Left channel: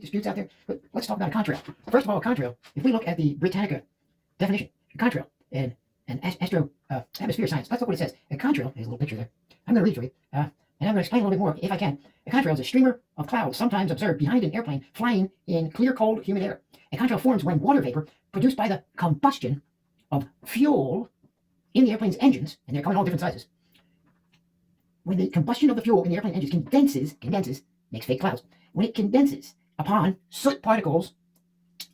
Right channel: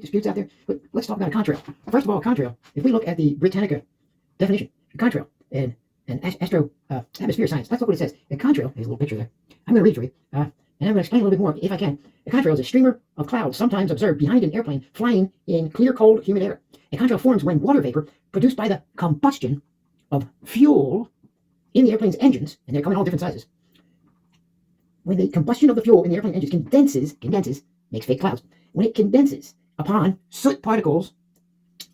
disputes out there, but let's talk about a contrail. First of all, a contrail, if we look at the Britannica definition, contrail and atmosphere science, let's look what it says. A contrail, here's a little picture there. I'm going to read for you, and I'm going to explain a little bit more if I can. A contrail is a streamer of clouds sometimes observed behind an airplane flying in clear, cold, humid air. A contrail forms when water vapor produced by the combustion of fuel in the airplane's engines, and they're coming all different sizes. When the combustion of the fuel in the airplane engines condenses, makes fake clouds. When it condenses upon soot particles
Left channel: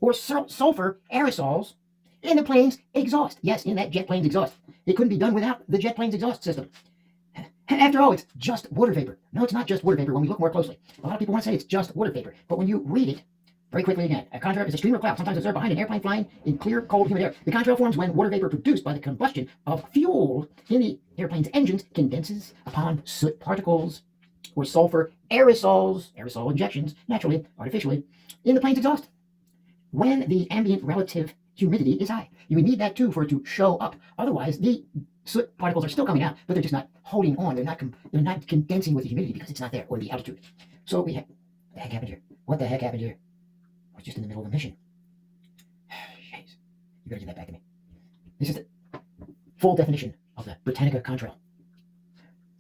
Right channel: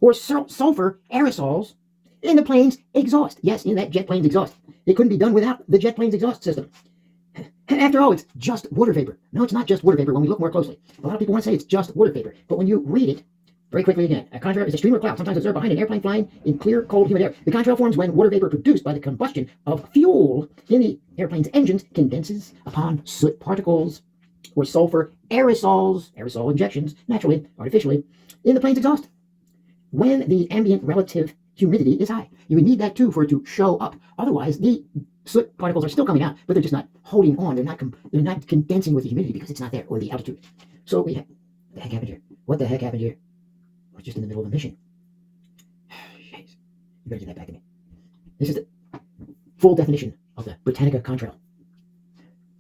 or sulfur aerosols in the plane's exhaust. Yes, in that jet plane's exhaust. It couldn't be done without the jet plane's exhaust system. After all, it's just water vapor. No, it's not just water vapor when we look more closely. A lot of people want to say it's just water vapor, but when you read it very quickly again, a contrail is a stream of cloud, sometimes observed behind an airplane flying in clear, cold, humid air. The contrail forms when water vapor produced by the combustion of fuel in the airplane's engines condenses upon soot particles or sulfur aerosols, aerosol injections, naturally, artificially, in the plane's exhaust. When the ambient relative humidity is high. You would need that too for it to show up. Otherwise, the soot particles are still coming out, but they're just not holding on. They're not condensing with the humidity because it's not there, or the altitude. So what the heck happened here? What the heck happened here? We're just in the middle of a mission. Jeez. You better get that back to me. This is the full definition of the Britannica contrail.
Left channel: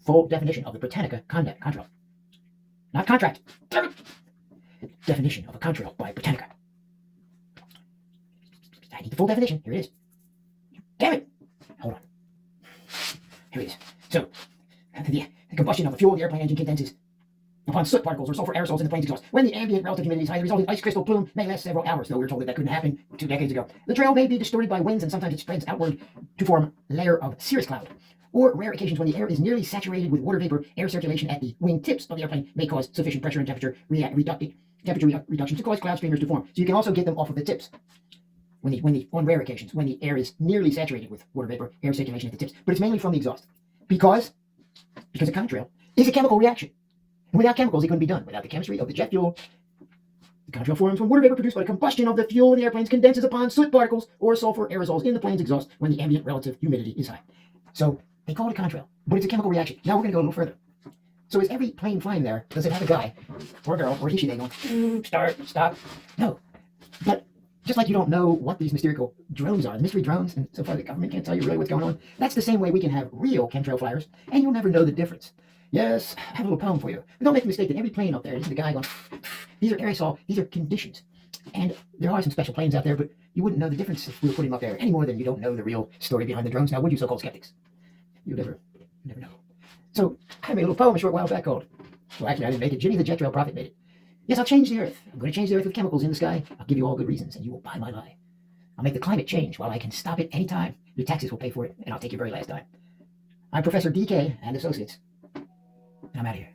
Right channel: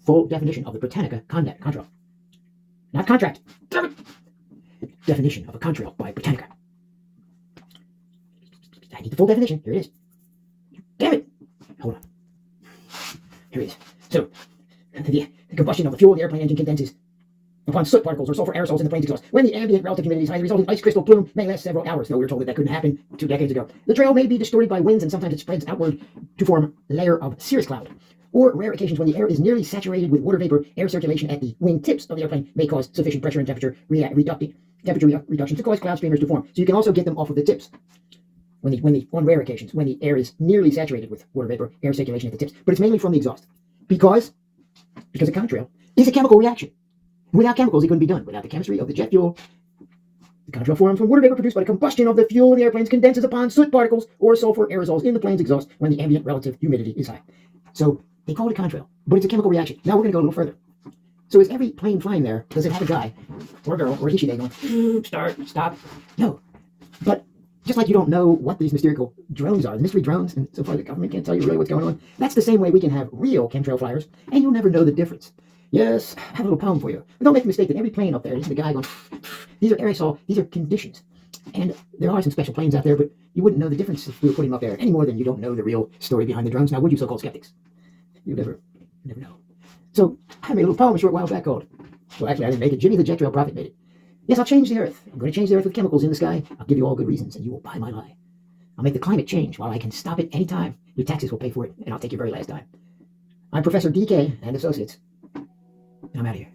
Full definition of the Britannica contrail. Not contract. Definition of a contrail by Britannica. I need the full definition. Here it is. Damn it! Hold on. Here it is. So, the combustion of the fuel in the airplane engine condenses upon soot particles or sulfur aerosols in the plane's exhaust. When the ambient relative humidity is high, the resulting ice crystal plume may last several hours. Though we were told that couldn't happen 2 decades ago. The trail may be distorted by winds, and sometimes it spreads outward to form a layer of cirrus cloud. Or rare occasions when the air is nearly saturated with water vapor, air circulation at the wing tips of the airplane may cause sufficient pressure and temperature reduction to cause cloud streamers to form. So you can also get them off of the tips. On rare occasions, when the air is nearly saturated with water vapor, air circulation at the tips, but it's mainly from the exhaust. Because a contrail is a chemical reaction. Without chemicals, it couldn't be done. Without the chemistry of the jet fuel, the contrail forms when water vapor produced by the combustion of the fuel in the airplanes condenses upon soot particles or sulfur aerosols in the plane's exhaust when the ambient relative humidity is high. So they call it a contrail, but it's a chemical reaction. Now we're going to go a little further. So is every plane flying there, does it have a guy or a girl or a he, she, they going, start, stop? No. But just like you don't know what these mystical drones are, the mystery drones, and so far the government can't tell you really what's going on, that's the same way we can have real chemtrail flyers, and you'll never know the difference. Yes, I have a little poem for you. But don't make the mistake that every plane up there is the guy going, these are aerosol, these are conditions. And there are some special planes out there, but you wouldn't know the difference if we were putting them up there any more than you don't know the real story behind the drones. Now, would you, so-called skeptics? You never know. So I made a little poem a short while back called, well, actually, I didn't make it. Jimmy the Jet Trail Prophet made it. Yes, I'll change the earth. I'm going to change the earth with chemicals in the sky. I'll give you all good reasons, and you will buy my lie. I'll make the climate change while I can stop it any time. Your taxes will pay for it, and I'll take your very last dime. I'm Professor DK and Associates, and I'm out of here.